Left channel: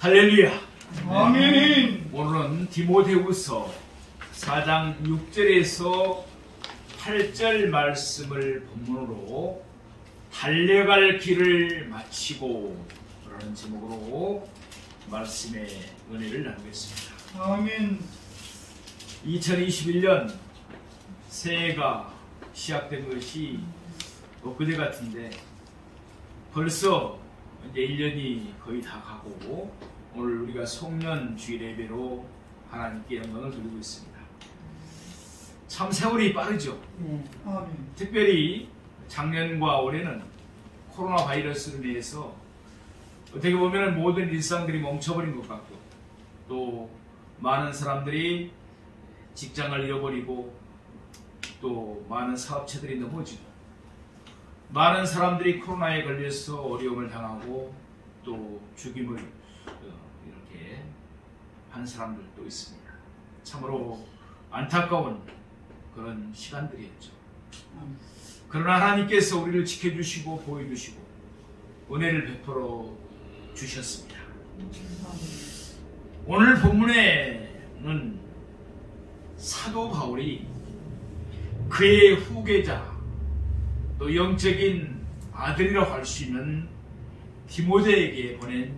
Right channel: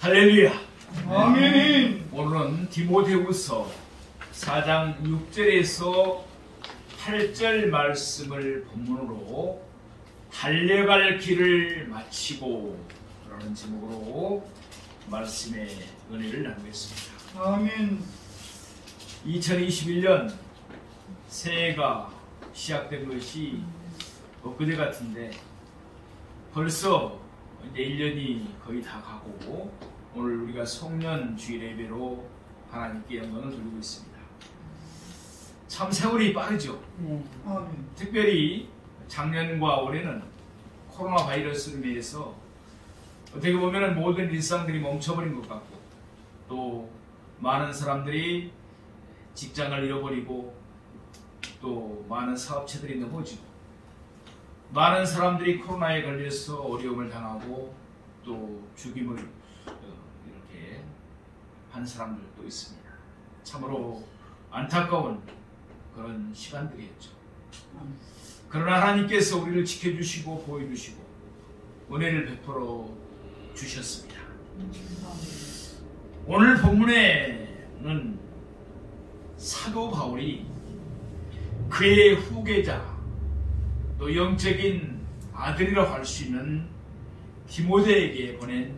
할렐루야. 아멘. 오늘은 디모데후서 4장 6절에서 8절 말씀을 본문으로 달려갈 길을 마치고 라는 제목으로 말씀의 은혜를 나누겠습니다. 아멘. 2021년 새해가 시작된 것이 엊그제 같은데 벌써 이제 1년이 거의 다 가고 오늘 우리가 송년 주일 예배로 하나님께 영광을 돌리고 있습니다. 참 세월이 빠르죠. 아멘. 특별히 작년과 올해는 코로나 바이러스로 인해서 어떻게 보면 모든 일상들이 멈춰버린 것 같고 또 많은 사람들이 직장을 잃어버리고 또 많은 사업체들이 넘어지고 많은 사람들이 코로나에 걸려서 어려움을 당하고 또 죽임을 이렇게 한 사람들도 있습니다. 참으로 안타까운 그런 시간들이었죠. 그러나 하나님께서 우리를 지켜주시고 보여주시고 은혜를 베풀어 주셨습니다. 오늘 본문에는 사도 바울이 그의 후계자 또 영적인 아들이라고 할 수 있는 디모데에게 보낸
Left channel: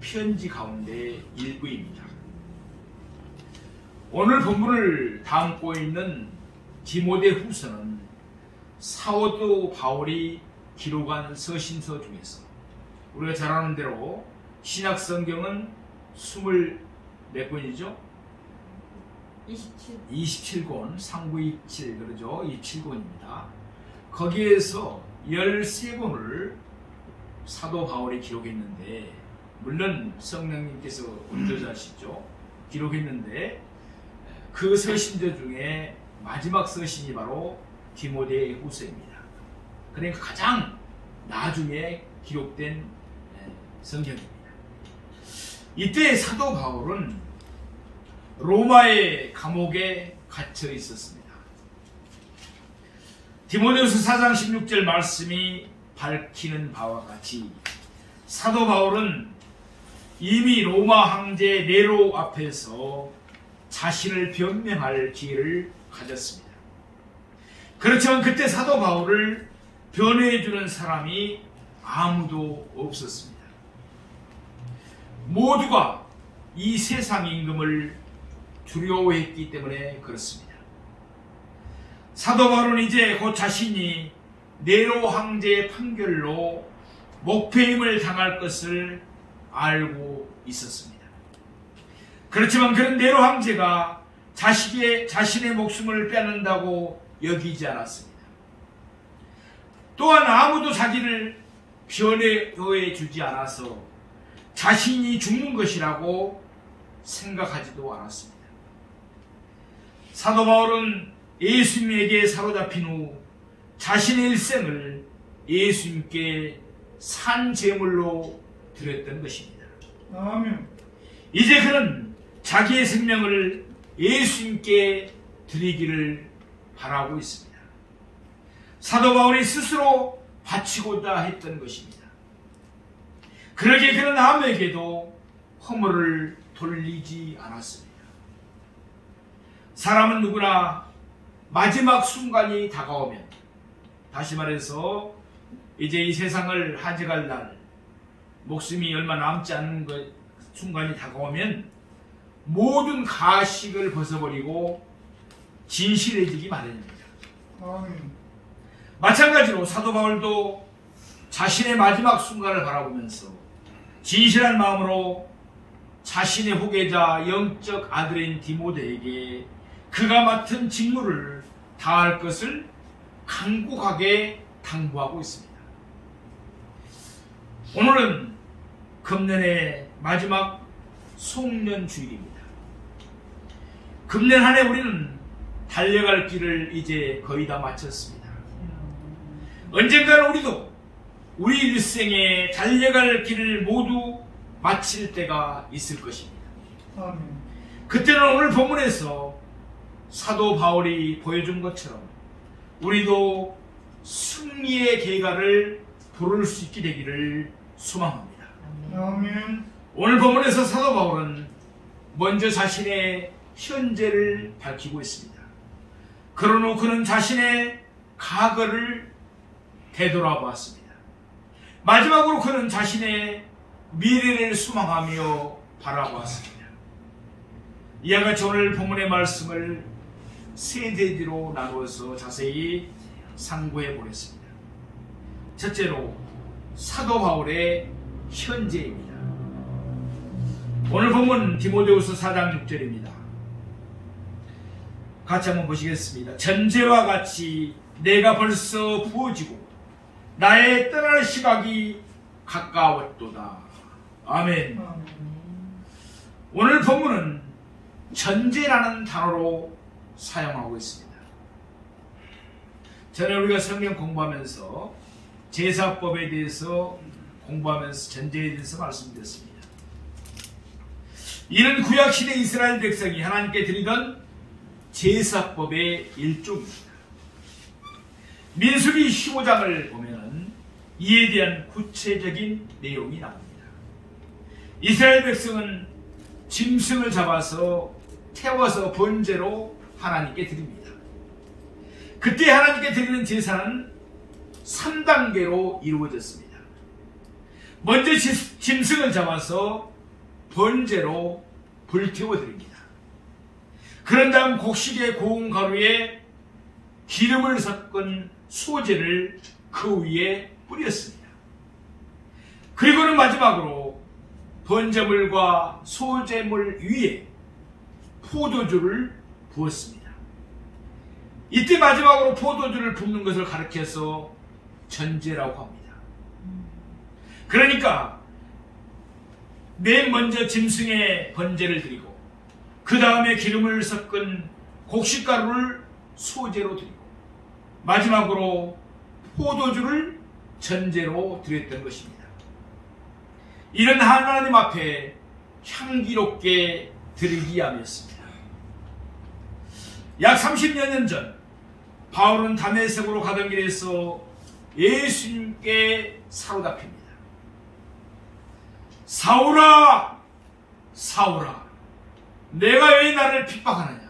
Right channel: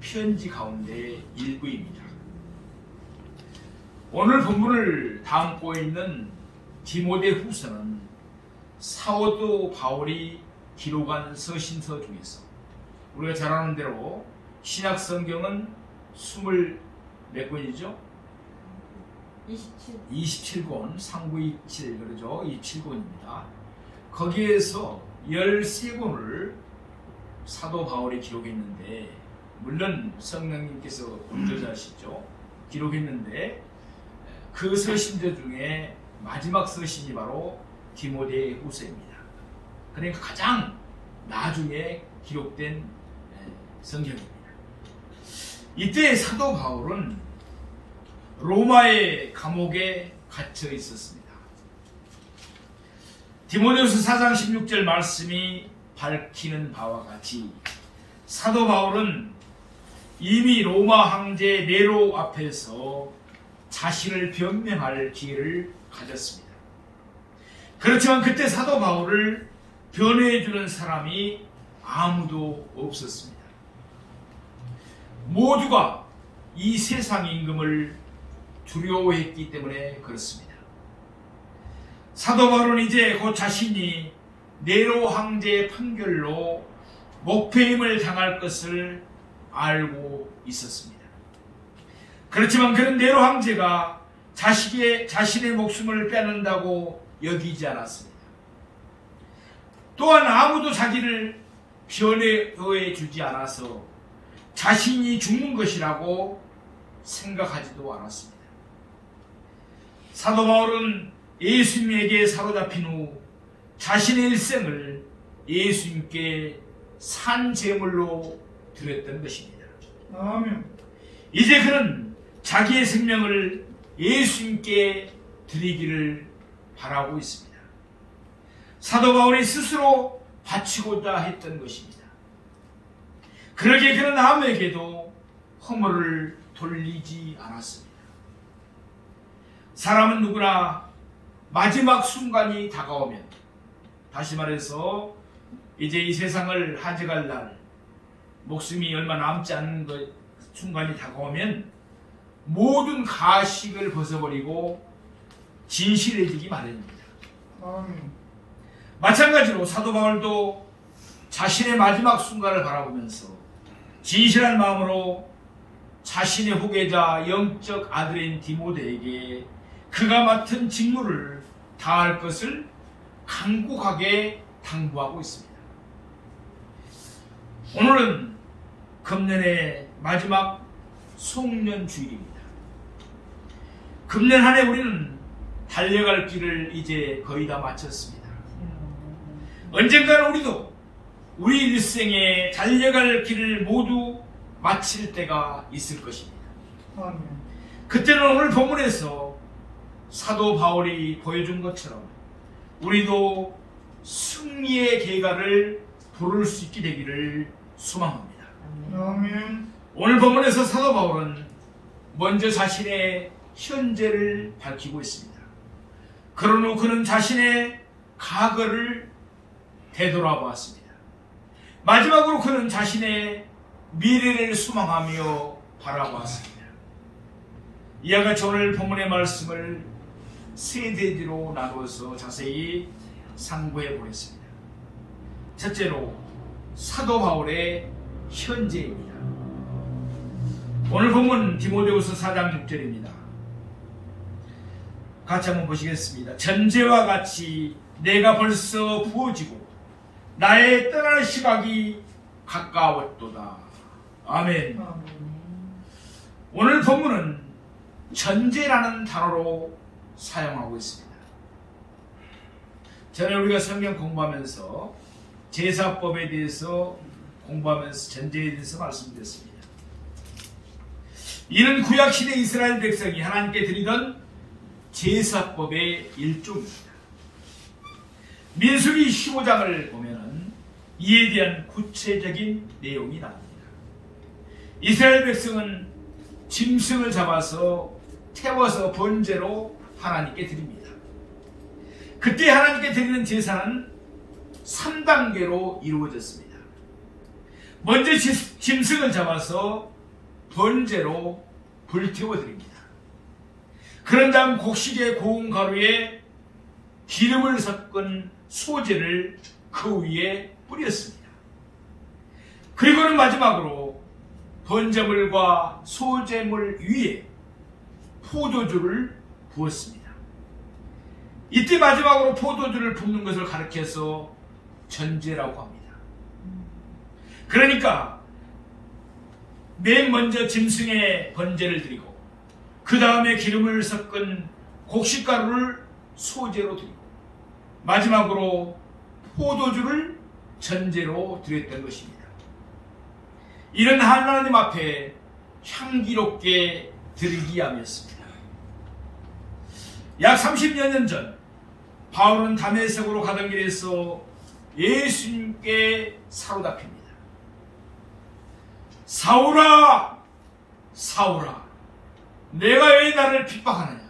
편지 가운데 일부입니다. 오늘 본문을 담고 있는 디모데후서는 사도 바울이 기록한 서신서 중에서 우리가 잘 아는 대로 신약 성경은 20몇 권이죠? 27권, 3927 그러죠? 27권입니다. 거기에서 13권을 사도 바울이 기록했는데 물론 성령님께서 운전자시죠. 기록했는데 그 서신들 중에 마지막 서신이 바로 디모데후서입니다. 그러니까 가장 나중에 기록된 성경입니다. 이때 사도 바울은 로마의 감옥에 갇혀 있었습니다. 디모데후서 4장 16절 말씀이 밝히는 바와 같이 사도 바울은 이미 로마 황제 네로 앞에서 자신을 변명할 기회를 가졌습니다. 그렇지만 그때 사도 바울을 변호해주는 사람이 아무도 없었습니다. 모두가 이 세상 임금을 두려워했기 때문에 그렇습니다. 사도 바울은 이제 곧 자신이 네로 황제의 판결로 목배임을 당할 것을 알고 있었습니다. 그렇지만 그런 네로 황제가 자신의 목숨을 빼앗는다고 여기지 않았습니다. 또한 아무도 자기를 변호해 주지 않아서 자신이 죽는 것이라고 생각하지도 않았습니다. 사도 바울은 예수님에게 사로잡힌 후 자신의 일생을 예수님께 산 제물로 드렸던 것입니다. 아멘. 이제 그는 자기의 생명을 예수님께 드리기를 바라고 있습니다. 사도 바울이 스스로 바치고자 했던 것입니다. 그러기에 그는 아무에게도 허물을 돌리지 않았습니다. 사람은 누구나 마지막 순간이 다가오면, 다시 말해서 이제 이 세상을 하직할 날, 목숨이 얼마 남지 않는 순간이 다가오면 모든 가식을 벗어버리고 진실해지기 마련입니다. 아멘. 마찬가지로 사도 바울도 자신의 마지막 순간을 바라보면서 진실한 마음으로 자신의 후계자 영적 아들인 디모데에게 그가 맡은 직무를 다할 것을 간곡하게 당부하고 있습니다. 오늘은 금년의 마지막 송년 주일입니다. 금년 한 해 우리는 달려갈 길을 이제 거의 다 마쳤습니다. 언젠가는 우리도 우리 일생에 달려갈 길을 모두 마칠 때가 있을 것입니다. 아멘. 그때는 오늘 본문에서 사도 바울이 보여준 것처럼 우리도 승리의 계가를 부를 수 있게 되기를 소망합니다. 아멘. 오늘 본문에서 사도 바울은 먼저 자신의 현재를 밝히고 있습니다. 그런 후 그는 자신의 과거를 되돌아보았습니다. 마지막으로 그는 자신의 미래를 소망하며 바라보았습니다. 이와 같이 오늘 본문의 말씀을 세 대지로 나누어서 자세히 상고해 보겠습니다. 첫째로 사도 바울의 현재입니다. 오늘 본문 디모데후서 4장 6절입니다. 같이 한번 보시겠습니다. 전제와 같이 내가 벌써 부어지고 나의 떠날 시각이 가까웠도다. 아멘. 오늘 본문은 전제라는 단어로 사용하고 있습니다. 전에 우리가 성경 공부하면서 제사법에 대해서 공부하면서 전제에 대해서 말씀드렸습니다. 이는 구약시대 이스라엘 백성이 하나님께 드리던 제사법의 일종입니다. 민수기 15장을 보면 이에 대한 구체적인 내용이 나옵니다. 이스라엘 백성은 짐승을 잡아서 태워서 번제로 하나님께 드립니다. 그때 하나님께 드리는 제사는 3단계로 이루어졌습니다. 먼저 짐승을 잡아서 번제로 불태워 드립니다. 그런 다음 곡식의 고운 가루에 기름을 섞은 소재를 그 위에 뿌렸습니다. 그리고는 마지막으로 번제물과 소제물 위에 포도주를 부었습니다. 이때 마지막으로 포도주를 붓는 것을 가리켜서 전제라고 합니다. 그러니까 맨 먼저 짐승의 번제를 드리고 그 다음에 기름을 섞은 곡식가루를 소제로 드리고 마지막으로 포도주를 전제로 드렸던 것입니다. 이런 하나님 앞에 향기롭게 드리기 위함이었습니다. 약 30여 년 전 바울은 다메섹으로 가던 길에서 예수님께 사로잡힙니다. 사울아, 사울아, 내가 왜 나를 핍박하느냐?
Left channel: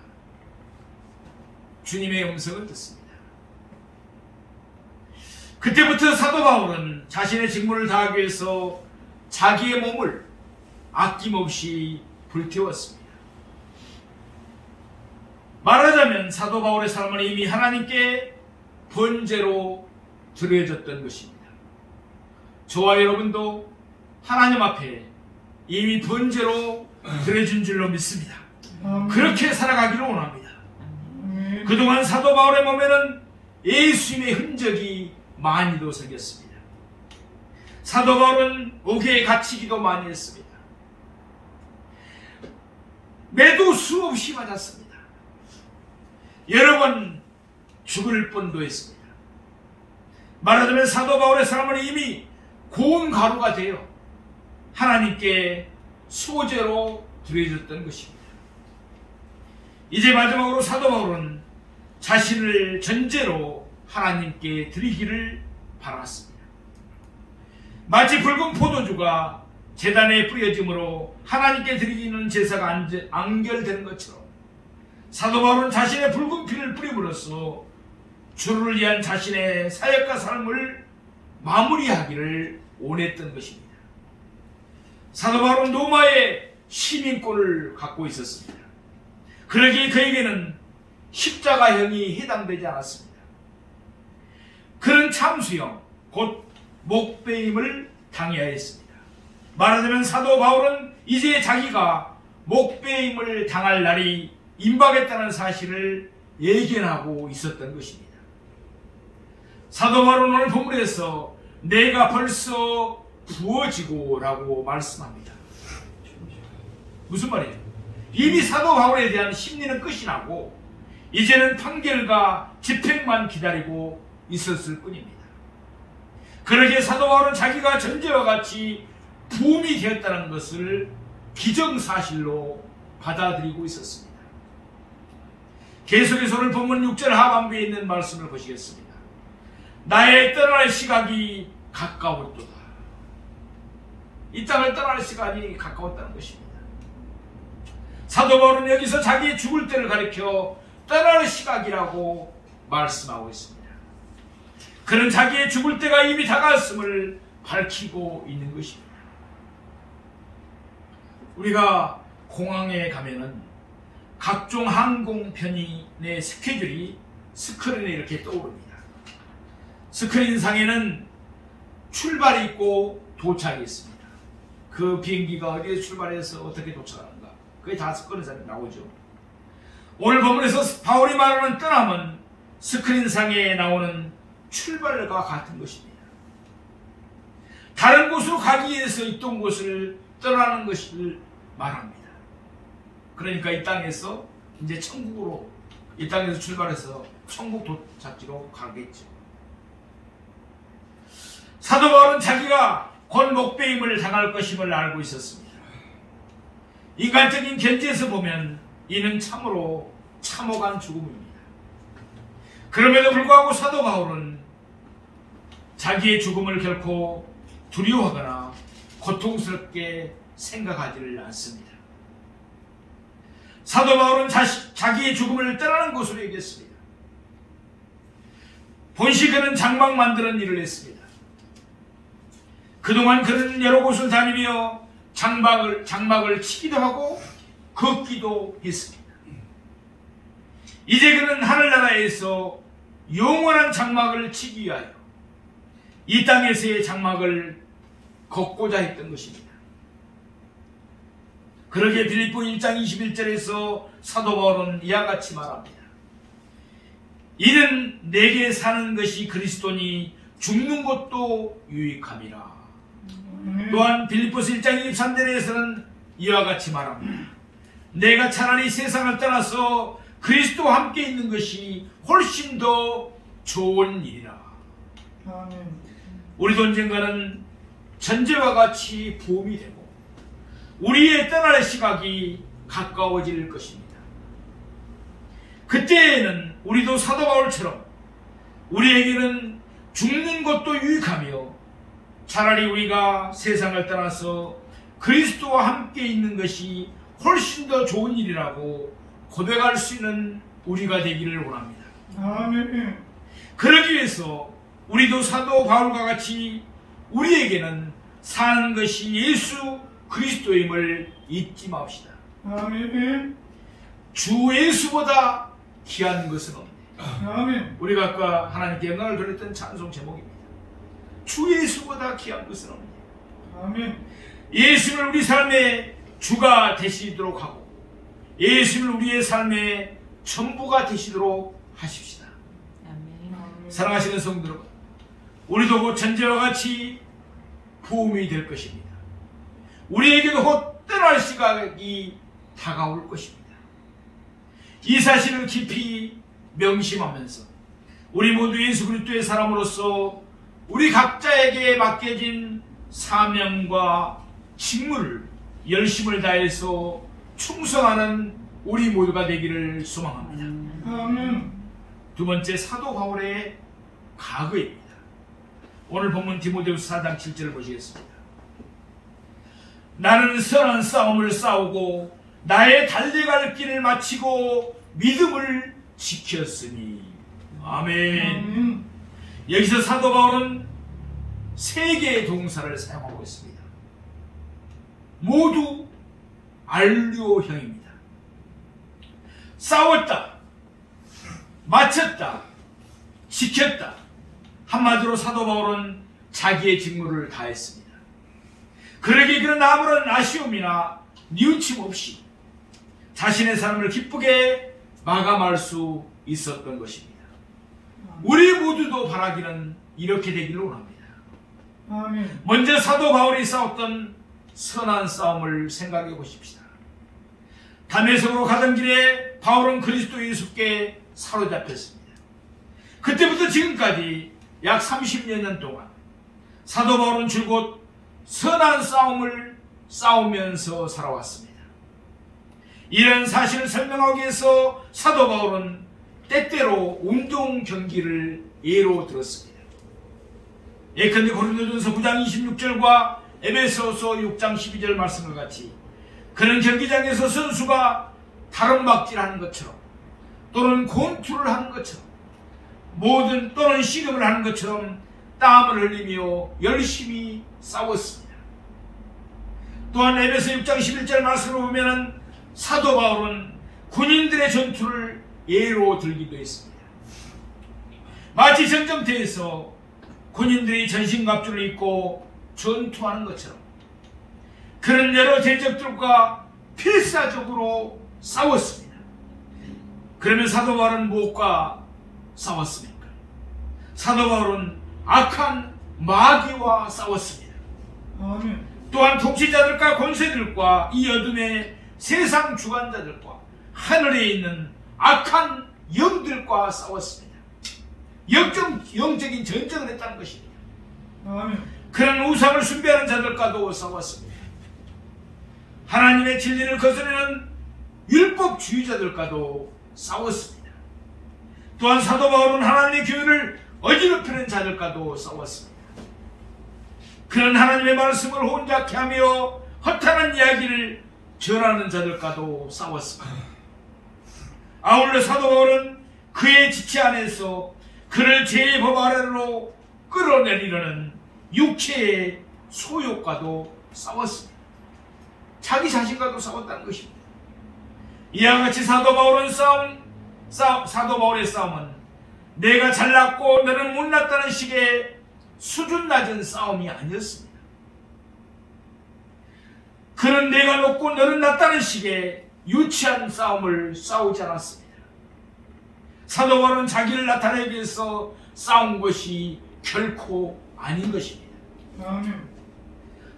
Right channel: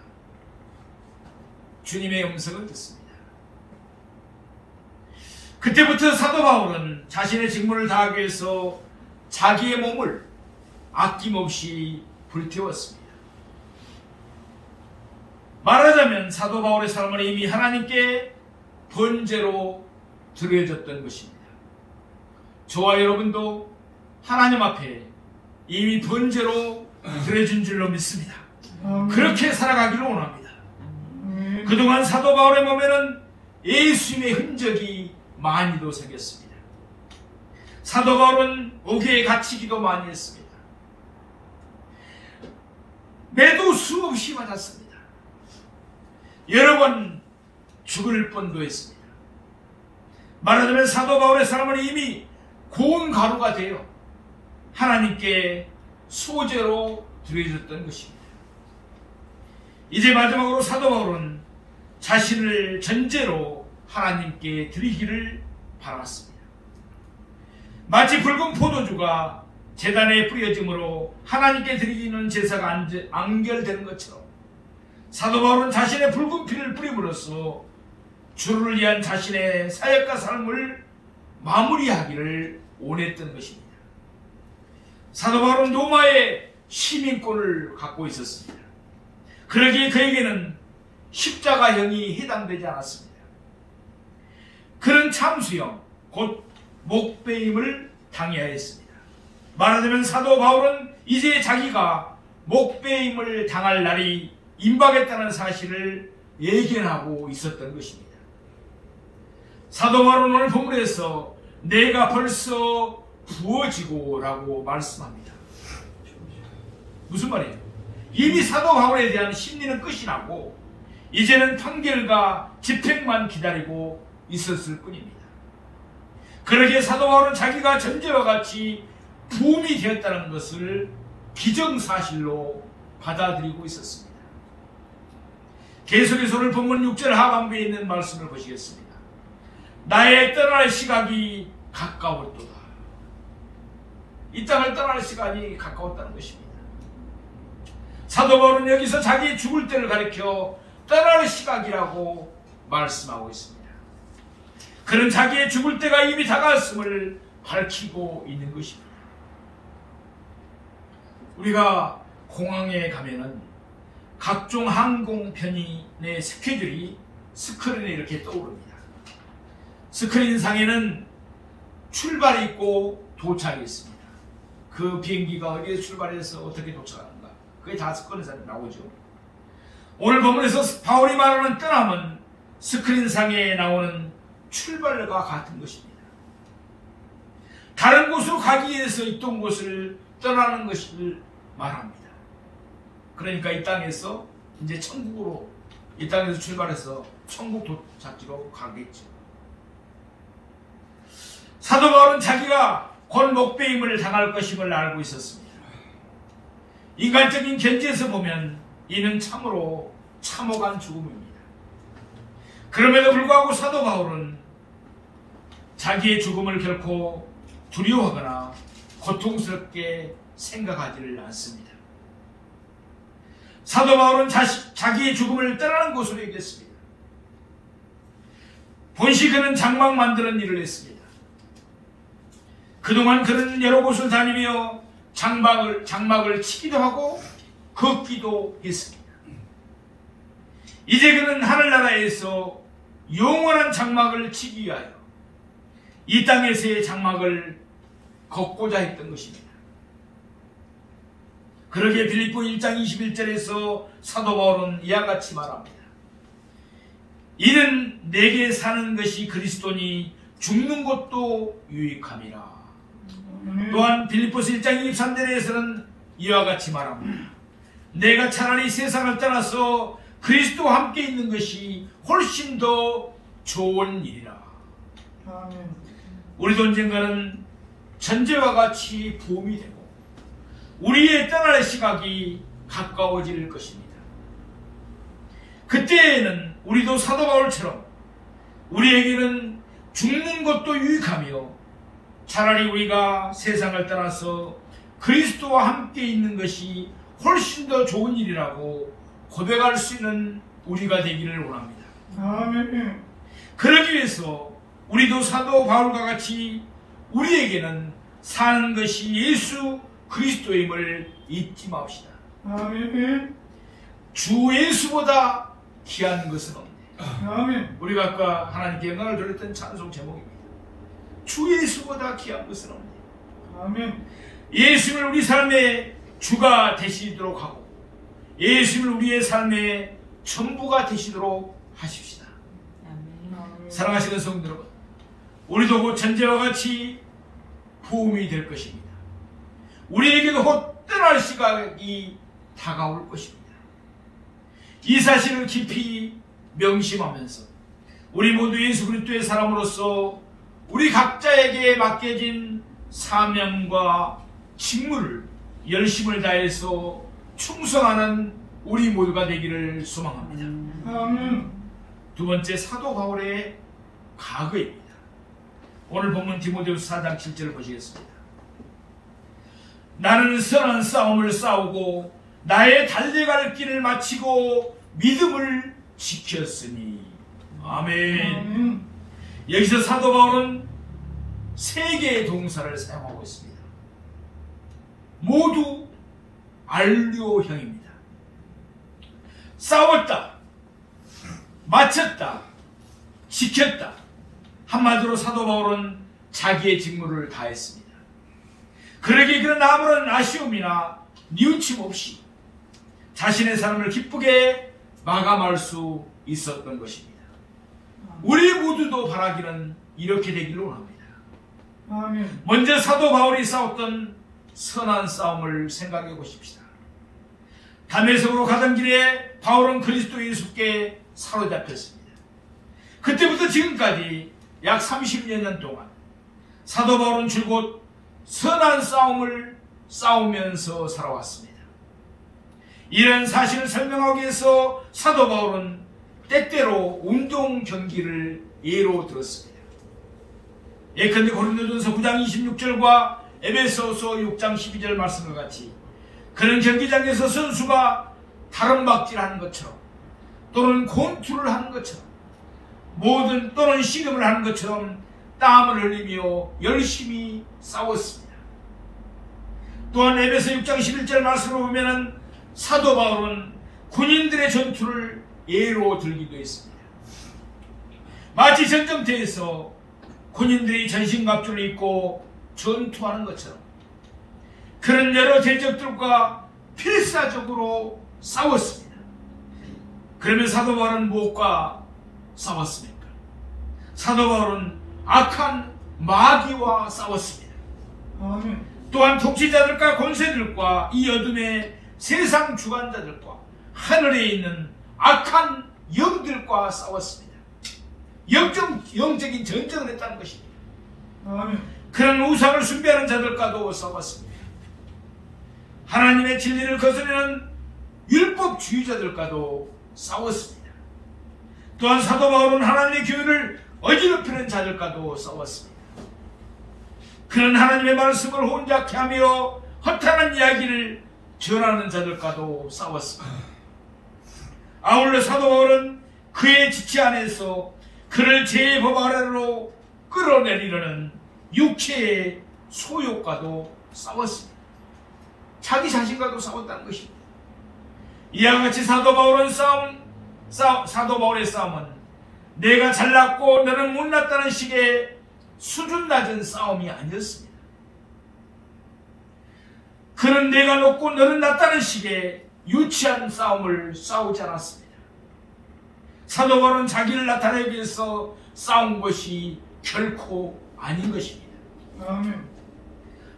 주님의 음성을 듣습니다. 그때부터 사도 바울은 자신의 직무를 다하기 위해서 자기의 몸을 아낌없이 불태웠습니다. 말하자면 사도 바울의 삶은 이미 하나님께 번제로 드려졌던 것입니다. 저와 여러분도 하나님 앞에 이미 번제로 드려진 줄로 믿습니다. 그렇게 살아가기를 원합니다. 그동안 사도 바울의 몸에는 예수님의 흔적이 많이도 생겼습니다. 사도 바울은 옥에 갇히기도 많이 했습니다. 매도 수없이 맞았습니다. 여러 번 죽을 뻔도 했습니다. 말하자면 사도 바울의 삶은 이미 고운 가루가 되어 하나님께 소제로 드려졌던 것입니다. 이제 마지막으로 사도 바울은 자신을 전제로 하나님께 드리기를 바랐습니다. 마치 붉은 포도주가 제단에 뿌려짐으로 하나님께 드리는 제사가 안결되는 것처럼 사도 바울은 자신의 붉은 피를 뿌림으로써 주를 위한 자신의 사역과 삶을 마무리하기를 원했던 것입니다. 사도 바울은 로마의 시민권을 갖고 있었습니다. 그러기에 그에게는 십자가형이 해당되지 않았습니다. 그는 참수형, 곧 목배임을 당해야 했습니다. 말하자면 사도 바울은 이제 자기가 목배임을 당할 날이 임박했다는 사실을 예견하고 있었던 것입니다. 사도 바울은 오늘 본문에서 내가 벌써 부어지고 라고 말씀합니다. 무슨 말이에요? 이미 사도 바울에 대한 심리는 끝이 나고 이제는 판결과 집행만 기다리고 있었을 뿐입니다. 그러기에 사도 바울은 자기가 전제와 같이 부음이 되었다는 것을 기정사실로 받아들이고 있었습니다. 계속해서 오늘 본문 6절 하반부에 있는 말씀을 보시겠습니다. 나의 떠날 시각이 가까웠도다. 이 땅을 떠날 시간이 가까웠다는 것입니다. 사도 바울은 여기서 자기의 죽을 때를 가리켜 떠날 시각이라고 말씀하고 있습니다. 그는 자기의 죽을 때가 이미 다가왔음을 밝히고 있는 것입니다. 우리가 공항에 가면은 각종 항공 편의의 스케줄이 스크린에 이렇게 떠오릅니다. 스크린상에는 출발이 있고 도착이 있습니다. 그 비행기가 어디에 출발해서 어떻게 도착하는가, 그게 다 스크린상에 나오죠. 오늘 본문에서 바울이 말하는 떠남은 스크린상에 나오는 출발과 같은 것입니다. 다른 곳으로 가기 위해서 있던 곳을 떠나는 것을 말합니다. 그러니까 이 땅에서 이제 천국으로, 이 땅에서 출발해서 천국 도착지로 가겠죠. 사도 바울은 자기가 곧 목배임을 당할 것임을 알고 있었습니다. 인간적인 견지에서 보면 이는 참으로 참혹한 죽음입니다. 그럼에도 불구하고 사도 바울은 자기의 죽음을 결코 두려워하거나 고통스럽게 생각하지를 않습니다. 사도 바울은 자기의 죽음을 떠나는 곳으로 얘기했습니다. 본시 그는 장막 만드는 일을 했습니다. 그동안 그는 여러 곳을 다니며 장막을 치기도 하고 걷기도 했습니다. 이제 그는 하늘나라에서 영원한 장막을 치기 위하여 이 땅에서의 장막을 걷고자 했던 것입니다. 그러기에 빌립보 1장 21절에서 사도 바울은 이와 같이 말합니다. 이는 내게 사는 것이 그리스도니 죽는 것도 유익함이라. 또한 빌립보서 1장 23절에서는 이와 같이 말합니다. 내가 차라리 세상을 떠나서 그리스도와 함께 있는 것이 훨씬 더 좋은 일이라. 우리도 언젠가는 전제와 같이 부음이 되고 우리의 떠날 시각이 가까워질 것입니다. 그때에는 우리도 사도 바울처럼 우리에게는 죽는 것도 유익하며 차라리 우리가 세상을 떠나서 그리스도와 함께 있는 것이 훨씬 더 좋은 일이라고 고백할 수 있는 우리가 되기를 원합니다. 아멘. 그러기 위해서 우리도 사도 바울과 같이 우리에게는 사는 것이 예수 그리스도임을 잊지 맙시다. 아멘. 주 예수보다 귀한 것은 없네. 아멘. 우리가 아까 하나님께 영광을 돌렸던 찬송 제목입니다. 주 예수보다 귀한 것은 없네. 아멘. 예수를 우리 삶의 주가 되시도록 하고 예수를 우리의 삶의 전부가 되시도록 하십시다. 아멘. 사랑하시는 성도 여러분, 우리도 곧 전제와 같이 부음이 될 것입니다. 우리에게도 곧 떠날 시각이 다가올 것입니다. 이 사실을 깊이 명심하면서 우리 모두 예수 그리스도의 사람으로서 우리 각자에게 맡겨진 사명과 직무를 열심을 다해서 충성하는 우리 모두가 되기를 소망합니다. 아멘. 두 번째, 사도 바울의 과거입니다. 오늘 본문 디모데후서 4장 7절을 보시겠습니다. 나는 선한 싸움을 싸우고 나의 달려갈 길을 마치고 믿음을 지켰으니. 아멘. 여기서 사도 바울은 세 개의 동사를 사용하고 있습니다. 모두 완료형입니다. 싸웠다, 마쳤다, 지켰다. 한마디로 사도 바울은 자기의 직무를 다했습니다. 그러기에 그는 아무런 아쉬움이나 뉘우침 없이 자신의 삶을 기쁘게 마감할 수 있었던 것입니다. 우리 모두도 바라기는 이렇게 되기를 원합니다. 아멘. 먼저 사도 바울이 싸웠던 선한 싸움을 생각해 보십시다. 다메섹으로 가던 길에 바울은 그리스도 예수께 사로잡혔습니다. 그때부터 지금까지 약 30여 년 동안 사도 바울은 줄곧 선한 싸움을 싸우면서 살아왔습니다. 이런 사실을 설명하기 위해서 사도 바울은 때때로 운동 경기를 예로 들었습니다. 예컨대 고린도전서 9장 26절과 에베소서 6장 12절 말씀과 같이 그는 경기장에서 선수가 다름박질하는 것처럼 또는 권투를 하는 것처럼 또는 씨름을 하는 것처럼 땀을 흘리며 열심히 싸웠습니다. 또한 에베소 6장 11절 말씀을 보면 사도 바울은 군인들의 전투를 예로 들기도 했습니다. 마치 전쟁터에서 군인들이 전신갑주를 입고 전투하는 것처럼 그런 여러 대적들과 필사적으로 싸웠습니다. 그러면 사도 바울은 무엇과 싸웠습니까? 사도 바울은 악한 마귀와 싸웠습니다. 아멘. 또한 통치자들과 권세들과 이 어둠의 세상 주관자들과 하늘에 있는 악한 영들과 싸웠습니다. 영적인 전쟁을 했다는 것입니다. 아멘. 그런 우상을 숭배하는 자들과도 싸웠습니다. 하나님의 진리를 거스르는 율법주의자들과도 싸웠습니다. 또한 사도 바울은 하나님의 교회를 어지럽히는 자들과도 싸웠습니다. 그런 하나님의 말씀을 혼잡케 하며 허탄한 이야기를 전하는 자들과도 싸웠습니다. 아울러 사도 바울은 그의 지체 안에서 그를 죄의 법 아래로 끌어내리려는 육체의 소욕과도 싸웠습니다. 자기 자신과도 싸웠다는 것입니다. 이와 같이 사도 바울의 싸움은 내가 잘났고 너는 못났다는 식의 수준 낮은 싸움이 아니었습니다. 그는 내가 높고 너는 낮다는 식의 유치한 싸움을 싸우지 않았습니다. 사도 바울은 자기를 나타내기 위해서 싸운 것이 결코 아닌 것입니다. 아멘.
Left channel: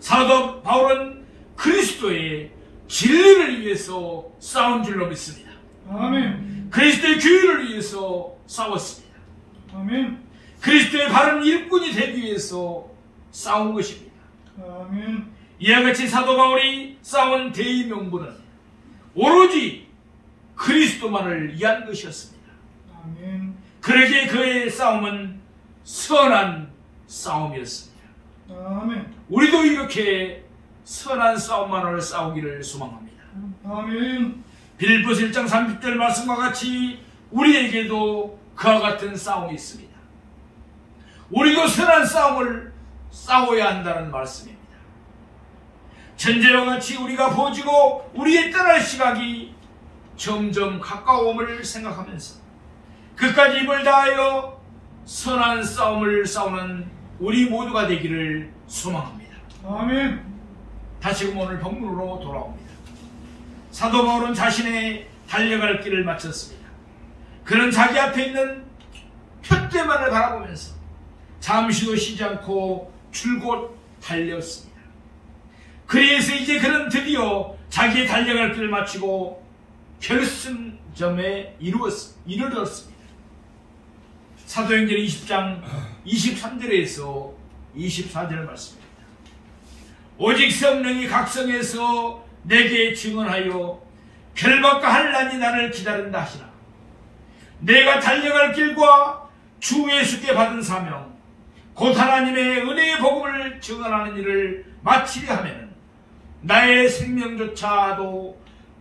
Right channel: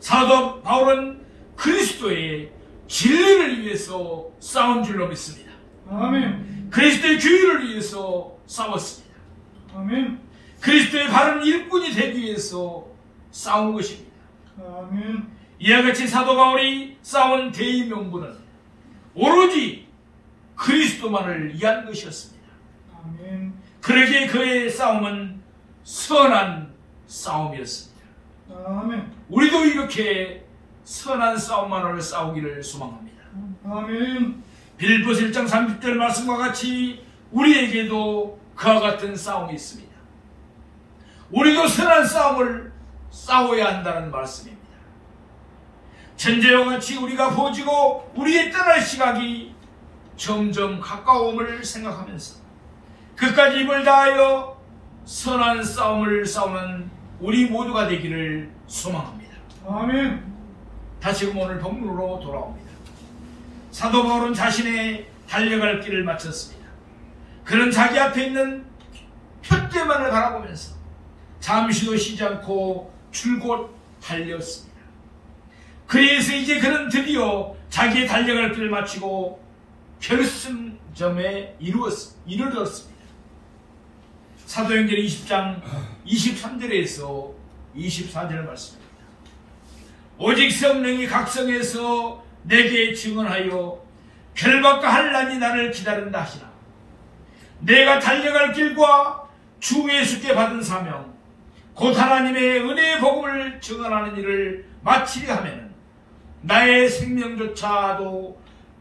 사도 바울은 그리스도의 진리를 위해서 싸운 줄로 믿습니다. 아멘. 그리스도의 교회를 위해서 싸웠습니다. 아멘. 그리스도의 바른 일꾼이 되기 위해서 싸운 것입니다. 아멘. 이와 같이 사도 바울이 싸운 대의 명분은 오로지 그리스도만을 위한 것이었습니다. 아멘. 그러기에 그의 싸움은 선한 싸움이었습니다. 아멘. 우리도 이렇게 선한 싸움만을 싸우기를 소망합니다. 아멘. 빌립보서 1장 30절 말씀과 같이 우리에게도 그와 같은 싸움이 있습니다. 우리도 선한 싸움을 싸워야 한다는 말씀입니다. 전제와 같이 우리가 보지고 우리의 떠날 시각이 점점 가까움을 생각하면서 그까지 힘을 다하여 선한 싸움을 싸우는 우리 모두가 되기를 소망합니다. 아멘. 다시금 오늘 본문으로 돌아옵니다. 사도 바울은 자신의 달려갈 길을 마쳤습니다. 그는 자기 앞에 있는 표대만을 바라보면서 잠시도 쉬지 않고 줄곧 달렸습니다. 그래서 이제 그는 드디어 자기의 달려갈 길을 마치고 결승점에 이르렀습니다. 사도행전 20장 23절에서 24절 말씀입니다. 오직 성령이 각성해서 내게 증언하여 결박과 환난이 나를 기다린다 하시나 내가 달려갈 길과 주 예수께 받은 사명 곧 하나님의 은혜의 복음을 증언하는 일을 마치려 하면 나의 생명조차도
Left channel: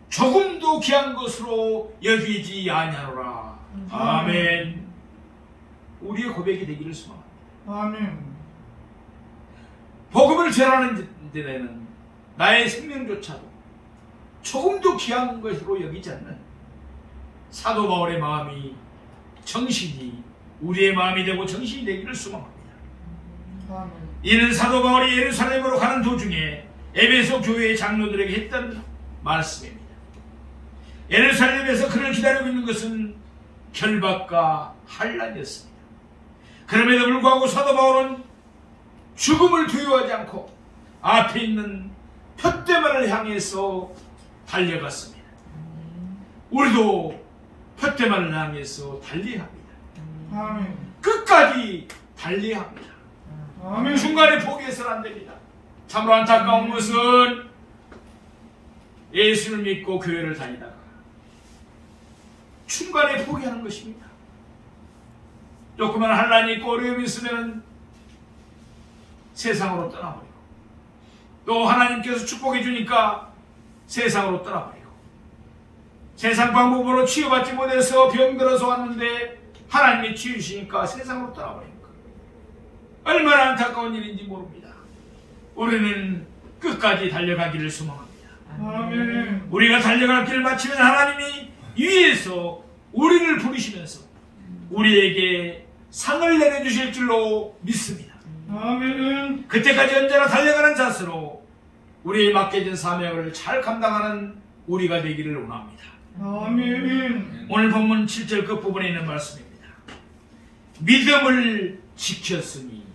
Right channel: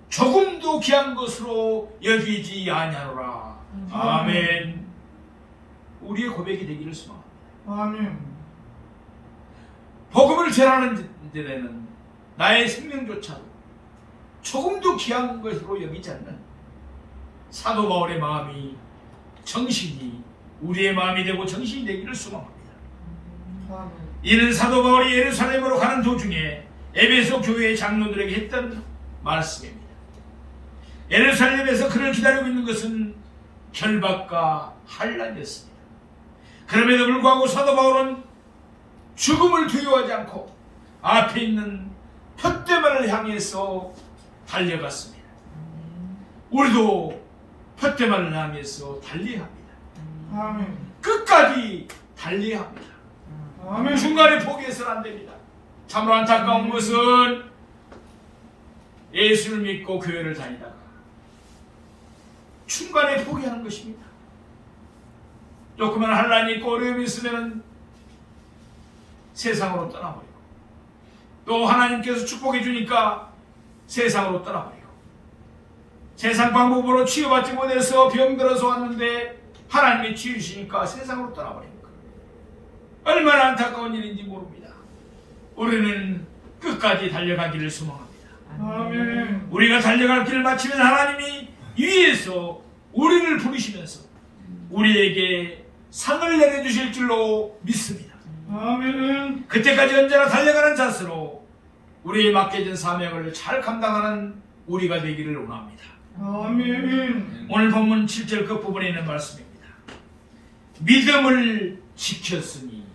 조금도 귀한 것으로 여기지 아니하노라. 아멘. 우리의 고백이 되기를 소망합니다. 아멘. 복음을 전하는 데는 나의 생명조차도 조금도 귀한 것으로 여기지 않는 사도 바울의 마음이 정신이 우리의 마음이 되고 정신이 되기를 소망합니다. 아멘. 이는 사도 바울이 예루살렘으로 가는 도중에 에베소 교회의 장로들에게 했던 말씀입니다. 예루살렘에서 그를 기다리고 있는 것은 결박과 환난이었습니다. 그럼에도 불구하고 사도 바울은 죽음을 두려워하지 않고 앞에 있는 푯대만을 향해서 달려갔습니다. 우리도 푯대만을 향해서 달려야 합니다. 아멘. 끝까지 달려야 합니다. 아멘. 중간에 포기해서는 안 됩니다. 참으로 안타까운 것은 예수를 믿고 교회를 다니다가 중간에 포기하는 것입니다. 조그만 환난이 있고 어려움이 있으면 세상으로 떠나버리고 또 하나님께서 축복해 주니까 세상으로 떠나버리고, 세상 방법으로 치유받지 못해서 병들어서 왔는데 하나님이 치유시니까 세상으로 떠나버립니다. 얼마나 안타까운 일인지 모릅니다. 우리는 끝까지 달려가기를 소망합니다. 아멘. 우리가 달려갈 길을 마치면 하나님이 위에서 우리를 부르시면서 우리에게 상을 내려주실 줄로 믿습니다. 아멘. 그때까지 언제나 달려가는 자세로 우리의 맡겨진 사명을 잘 감당하는 우리가 되기를 원합니다. 아멘. 오늘 본문 7절 끝부분에 있는 말씀입니다. 믿음을 지켰으니.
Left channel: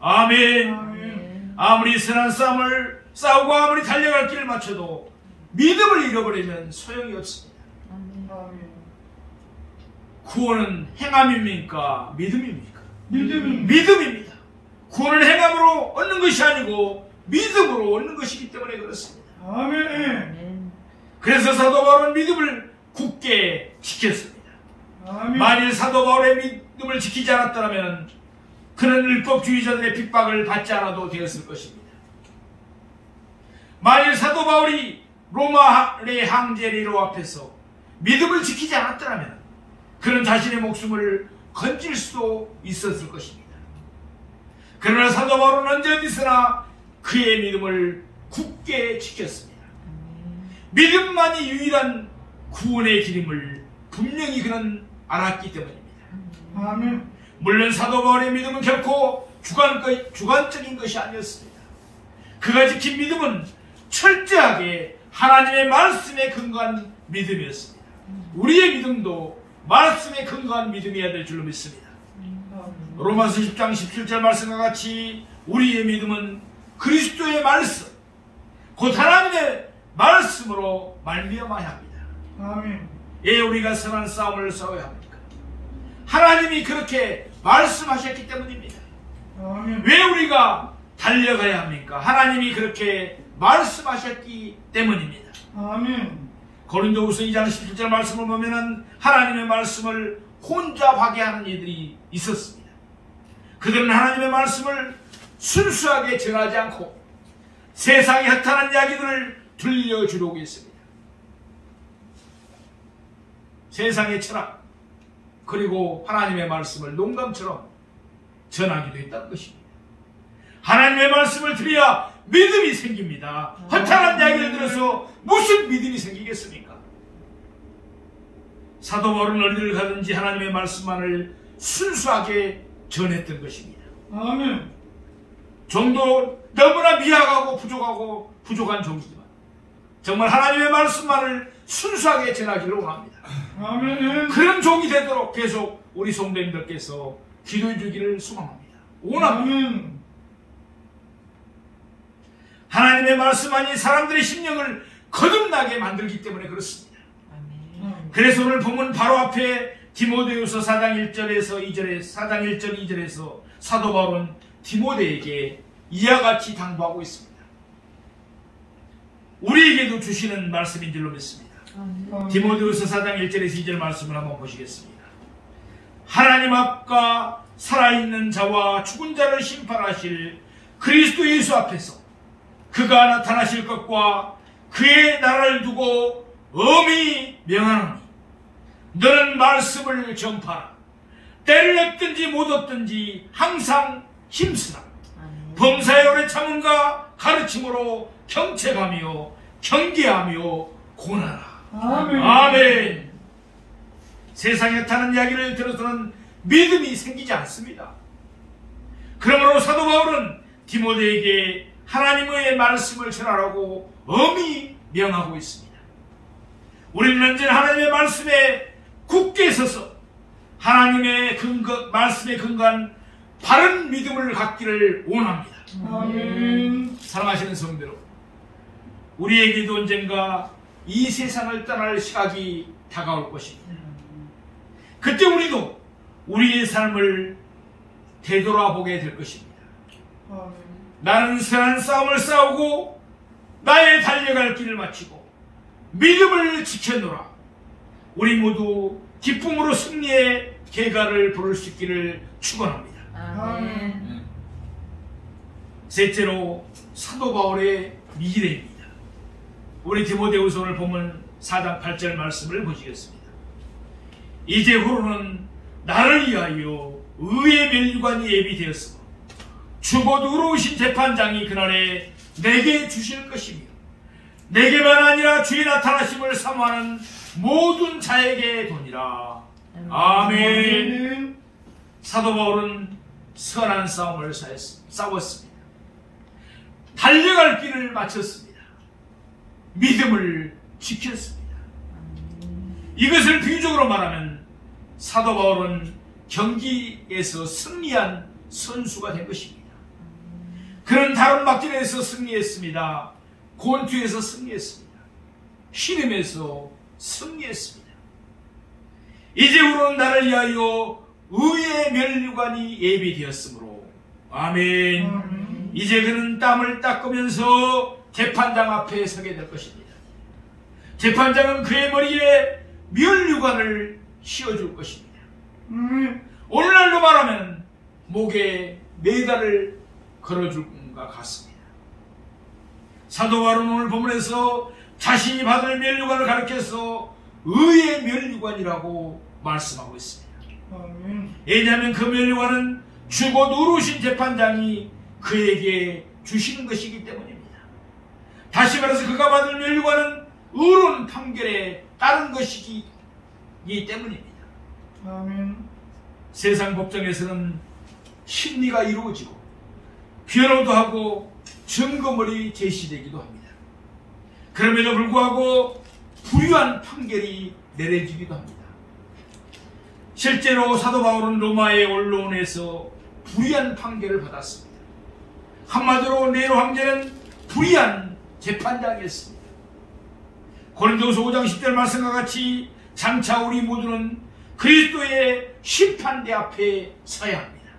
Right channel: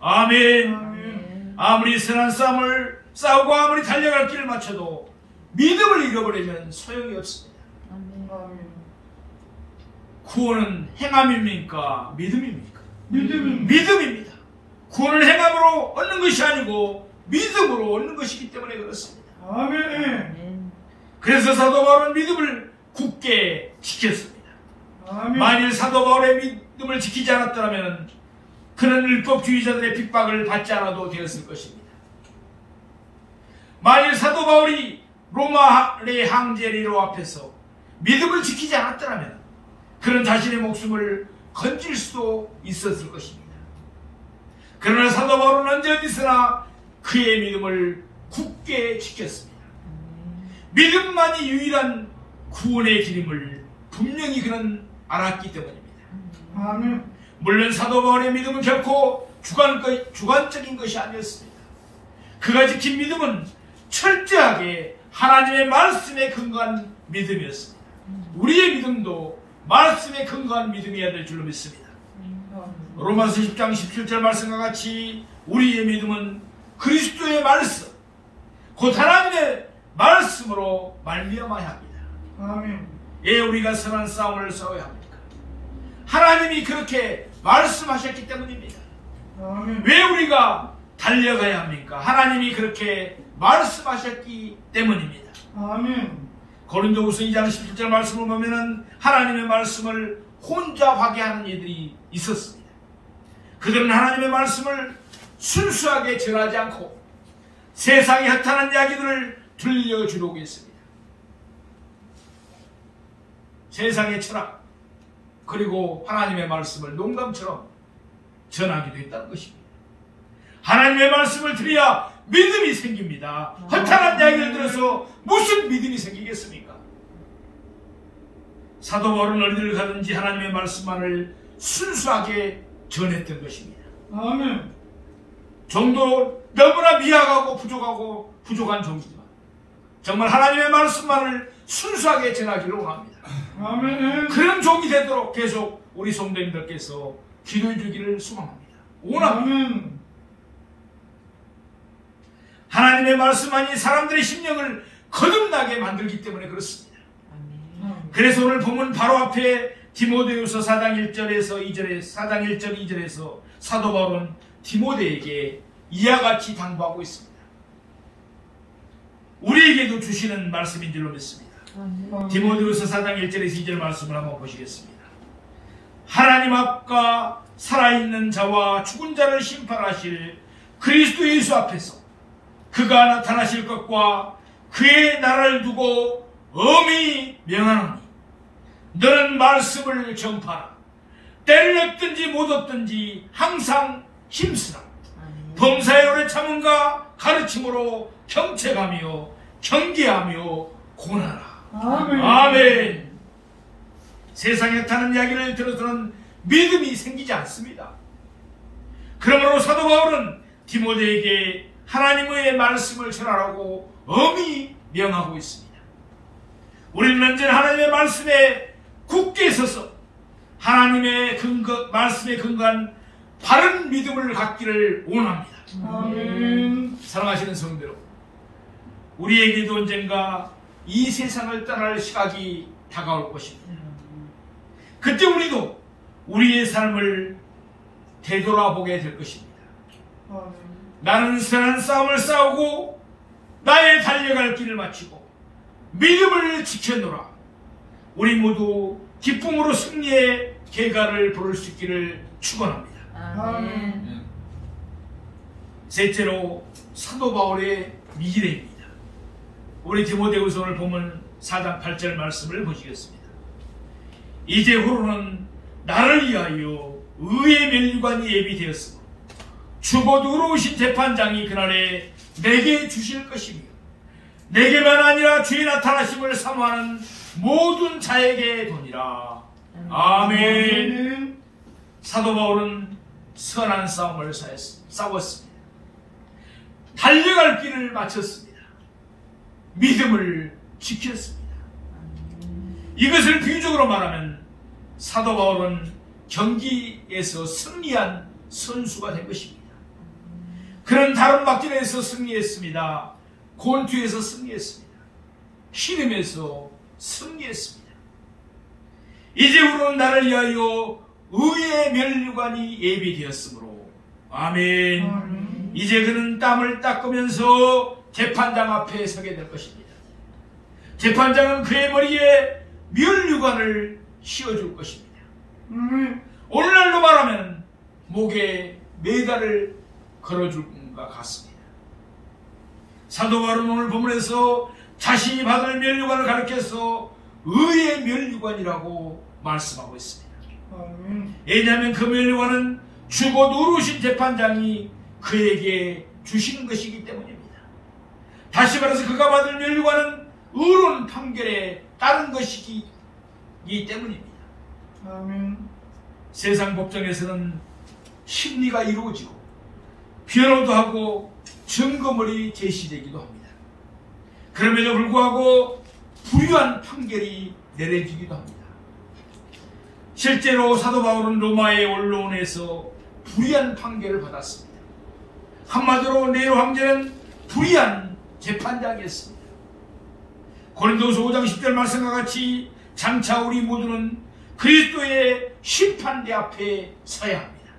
아멘. 아멘. 아무리 선한 싸움을 싸우고 아무리 달려갈 길을 마쳐도 믿음을 잃어버리면 소용이 없습니다. 아멘. 구원은 행함입니까? 믿음입니까? 믿음입니다. 믿음입니다. 구원은 행함으로 얻는 것이 아니고 믿음으로 얻는 것이기 때문에 그렇습니다. 아멘. 그래서 사도 바울은 믿음을 굳게 지켰습니다. 아멘. 만일 사도 바울의 믿음을 지키지 않았더라면 그는 율법주의자들의 핍박을 받지 않아도 되었을 것입니다. 만일 사도 바울이 로마의 황제 네로 앞에서 믿음을 지키지 않았더라면 그는 자신의 목숨을 건질 수도 있었을 것입니다. 그러나 사도 바울은 언제 어디서나 그의 믿음을 굳게 지켰습니다. 믿음만이 유일한 구원의 길임을 분명히 그는 알았기 때문입니다. 아멘. 물론 사도 바울의 믿음은 결코 주관적인 것이 아니었습니다. 그가 지킨 믿음은 철저하게 하나님의 말씀에 근거한 믿음이었습니다. 우리의 믿음도 말씀에 근거한 믿음이어야 될 줄로 믿습니다. 로마서 10장 17절 말씀과 같이 우리의 믿음은 그리스도의 말씀, 곧 하나님의 말씀으로 말미암아야 합니다. 아멘. 예, 우리가 선한 싸움을 싸워야 합니까? 하나님이 그렇게 말씀하셨기 때문입니다. 아멘. 왜 우리가 달려가야 합니까? 하나님이 그렇게 말씀하셨기 때문입니다. 아멘. 고린도후서 2장 17절 말씀을 보면은 하나님의 말씀을 혼자 파괴하는 이들이 있었습니다. 그들은 하나님의 말씀을 순수하게 전하지 않고 세상에 허탄한 이야기들을 들려주려고 했습니다. 세상의 철학 그리고 하나님의 말씀을 농담처럼 전하기도 했다는 것입니다. 하나님의 말씀을 들어야 믿음이 생깁니다. 허탄한 이야기를 들어서 무슨 믿음이 생기겠습니까? 사도 바울은 어디를 가든지 하나님의 말씀만을 순수하게 전했던 것입니다. 아멘. 종도 너무나 미약하고 부족한 종이지만 정말 하나님의 말씀만을 순수하게 전하기를 원합니다. 아멘. 그런 종이 되도록 계속 우리 성도님들께서 기도해 주기를 소망합니다. 원합니다. 아멘. 하나님의 말씀만이 사람들의 심령을 거듭나게 만들기 때문에 그렇습니다. 그래서 오늘 본문 바로 앞에 디모데후서 4장 1절에서 2절에 4장 1절 2절에서 사도 바울은 디모데에게 이와 같이 당부하고 있습니다. 우리에게도 주시는 말씀인 줄로 믿습니다. 디모데후서 4장 1절에서 2절 말씀을 한번 보시겠습니다. 하나님 앞과 살아있는 자와 죽은 자를 심판하실 그리스도 예수 앞에서 그가 나타나실 것과 그의 나라를 두고 엄히 명하노니 너는 말씀을 전파하라. 때를 얻든지 못 얻든지 항상 힘쓰라. 범사에 오래 참음과 가르침으로 경책하며 경계하며 고나라. 아멘. 아멘. 세상에 타는 이야기를 들어서는 믿음이 생기지 않습니다. 그러므로 사도 바울은 디모데에게 하나님의 말씀을 전하라고 엄히 명하고 있습니다. 우리는 언제나 하나님의 말씀에 굳게 서서 하나님의 말씀에 근거한 바른 믿음을 갖기를 원합니다. 아멘. 사랑하시는 성도 여러분, 우리에게도 언젠가 이 세상을 떠날 시각이 다가올 것입니다. 그때 우리도 우리의 삶을 되돌아보게 될 것입니다. 아멘. 나는 선한 싸움을 싸우고 나의 달려갈 길을 마치고 믿음을 지켰노라. 우리 모두 기쁨으로 승리의 개가를 부를 수 있기를 축원합니다. 아멘. 셋째로 사도 바울의 미래입니다. 우리 디모데후서 오늘 보면 4장 8절 말씀을 보시겠습니다. 이제후로는 나를 위하여 의의 면류관이 예비되었으므로 주곧 의로우신 재판장이 그날에 내게 주실 것이며 내게만 아니라 주의 나타나심을 사모하는 모든 자에게 도니라. 아멘. 사도 바울은 선한 싸움을 싸웠습니다. 달려갈 길을 마쳤습니다. 믿음을 지켰습니다. 이것을 비유적으로 말하면 사도 바울은 경기에서 승리한 선수가 된 것입니다. 그런 다른 막전에서 승리했습니다. 곤투에서 승리했습니다. 희림에서 승리했습니다. 이제후로는 나를 위하여 의의 면류관이 예비되었으므로 아멘. 이제 그는 땀을 닦으면서 재판장 앞에 서게 될 것입니다. 재판장은 그의 머리에 면류관을 씌워줄 것입니다. 오늘날로 말하면 목에 메달을 걸어줄 것과 같습니다. 사도 바울은 오늘 본문에서 자신이 받을 면류관을 가리켜서 의의 면류관이라고 말씀하고 있습니다. 왜냐하면 그 면류관은 주곧 의로우신 재판장이 그에게 주시는 것이기 때문입니다. 다시 말해서 그가 받을 면류관은 의로운 판결에 따른 것이기 때문입니다. 세상 법정에서는 심리가 이루어지고 변호도 하고 증거물이 제시되기도 합니다. 그럼에도 불구하고 불의한 판결이 내려지기도 합니다. 실제로 사도 바울은 로마의 언론에서 불의한 판결을 받았습니다. 한마디로 네로 황제는 불의한 재판장이었습니다. 고린도서 5장 10절 말씀과 같이 장차 우리 모두는 그리스도의 심판대 앞에 서야 합니다.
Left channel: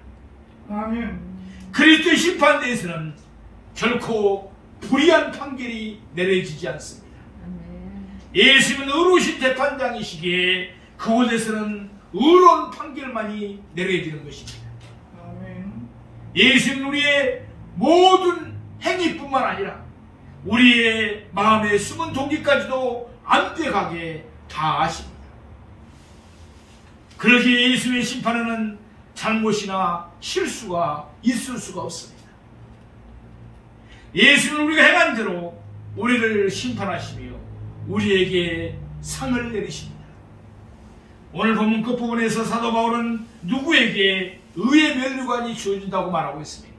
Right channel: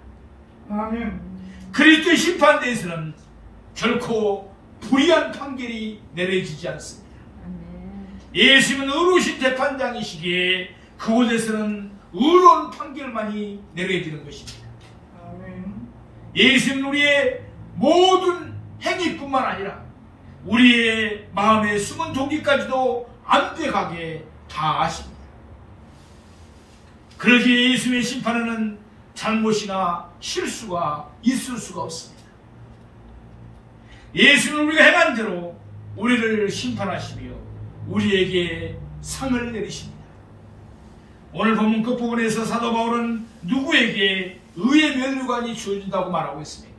그리스도의 심판대에서는 결코 불의한 판결이 내려지지 않습니다. 예수님은 의로우신 재판장이시기에 그곳에서는 의로운 판결만이 내려지는 것입니다. 예수님은 우리의 모든 행위뿐만 아니라 우리의 마음의 숨은 동기까지도 완벽하게 다 아십니다. 그러기에 예수님의 심판에는 잘못이나 실수가 있을 수가 없습니다. 예수는 우리가 행한 대로 우리를 심판하시며 우리에게 상을 내리십니다. 오늘 본문 끝부분에서 사도 바울은 누구에게 의의 면류관이 주어진다고 말하고 있습니까?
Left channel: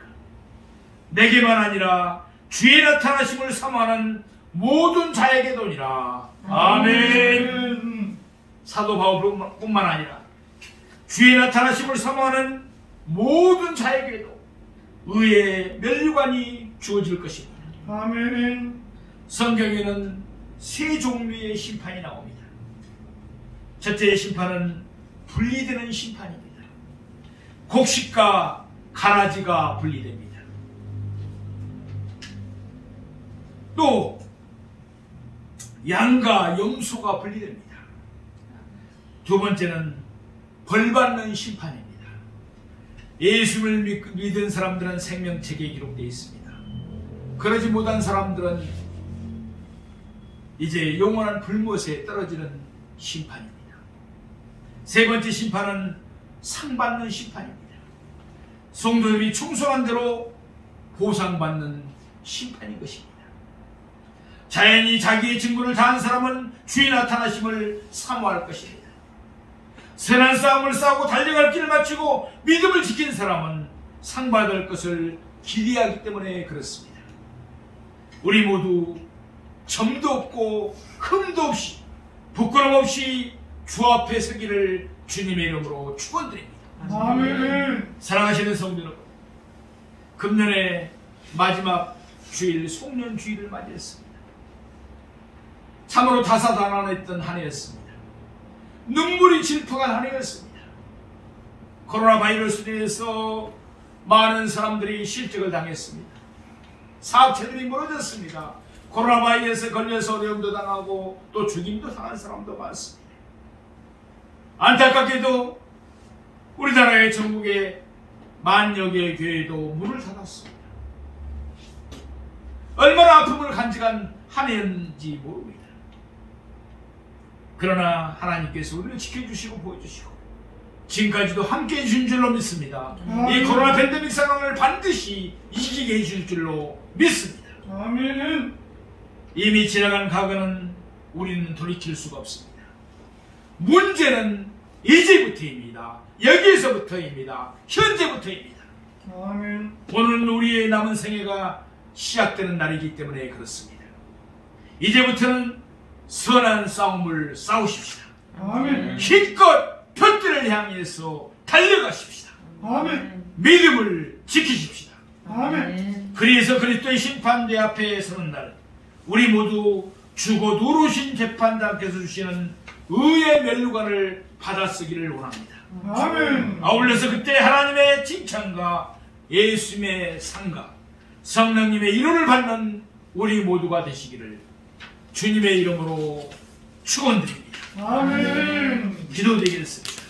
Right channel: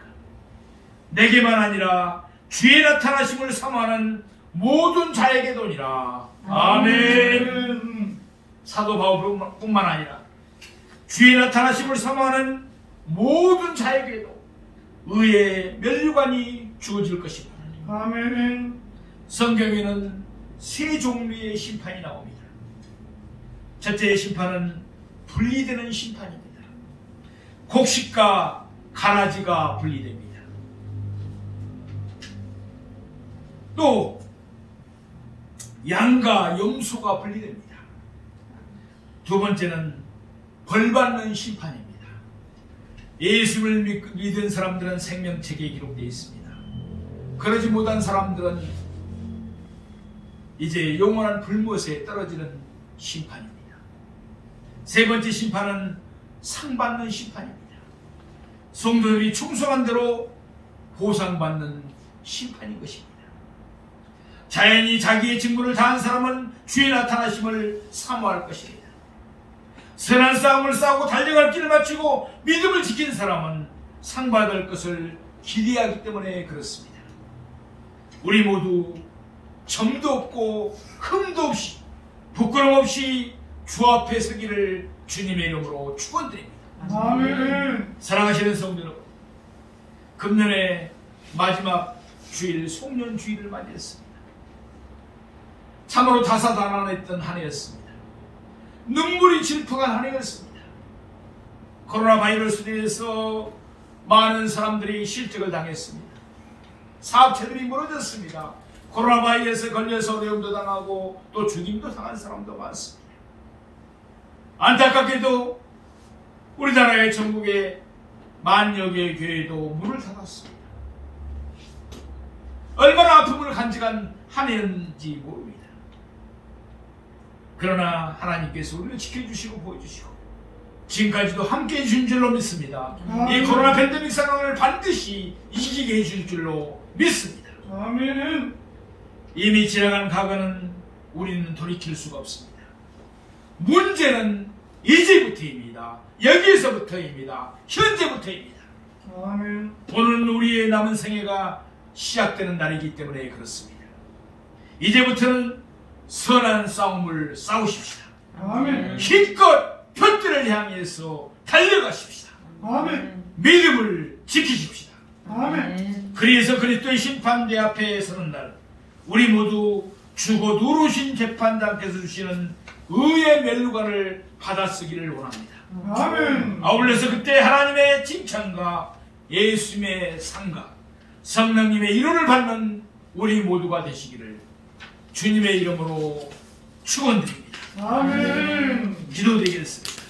내게만 아니라 주의 나타나심을 사모하는 모든 자에게도니라. 아멘. 사도 바울뿐만 아니라 주의 나타나심을 사모하는 모든 자에게도 의의 면류관이 주어질 것입니다. 아멘. 성경에는 세 종류의 심판이 나옵니다. 첫째의 심판은 분리되는 심판입니다. 곡식과 가라지가 분리됩니다. 또 양과 염소가 분리됩니다. 두 번째는 벌받는 심판입니다. 예수를 믿은 사람들은 생명책에 기록되어 있습니다. 그러지 못한 사람들은 이제 영원한 불못에 떨어지는 심판입니다. 세 번째 심판은 상받는 심판입니다. 성도들이 충성한 대로 보상받는 심판인 것입니다. 자연히 자기의 직무를 다한 사람은 주의 나타나심을 사모할 것입니다. 선한 싸움을 싸우고 달려갈 길을 마치고 믿음을 지킨 사람은 상받을 것을 기대하기 때문에 그렇습니다. 우리 모두 점도 없고 흠도 없이 부끄럼 없이 주 앞에 서기를 주님의 이름으로 축원드립니다. 아멘. 사랑하시는 성도 여러분, 금년의 마지막 주일 송년주일을 맞이했습니다. 참으로 다사다난했던 한 해였습니다. 눈물이 질퍽한 한 해였습니다. 코로나 바이러스로 인해서 많은 사람들이 실직을 당했습니다. 사업체들이 무너졌습니다. 코로나 바이러스에 걸려서 어려움도 당하고 또 죽임도 당한 사람도 많습니다. 안타깝게도 우리나라의 전국의 만여 개의 교회도 문을 닫았습니다. 얼마나 아픔을 간직한 한 해인지 모릅니다. 그러나 하나님께서 우리를 지켜주시고 보여주시고 지금까지도 함께해 주신 줄로 믿습니다. 이 코로나 팬데믹 상황을 반드시 이기게 해줄 줄로 믿습니다. 아멘. 이미 지나간 과거는 우리는 돌이킬 수가 없습니다. 문제는 이제부터입니다. 여기에서부터입니다. 현재부터입니다. 아멘. 오늘은 우리의 남은 생애가 시작되는 날이기 때문에 그렇습니다. 이제부터는 선한 싸움을 싸우십시다. 아멘. 힘껏 벽들을 향해서 달려가십시다. 아멘. 믿음을 지키십시다. 아멘. 그래서 그리스도의 심판대 앞에 서는 날 우리 모두 주고 누르신 재판장께서 주시는 의의 멸류관을 받아쓰기를 원합니다. 아멘. 아울러서 그때 하나님의 칭찬과 예수님의 상과 성령님의 위로를 받는 우리 모두가 되시기를 주님의 이름으로 축원드립니다. 아멘. 기도드리겠습니다.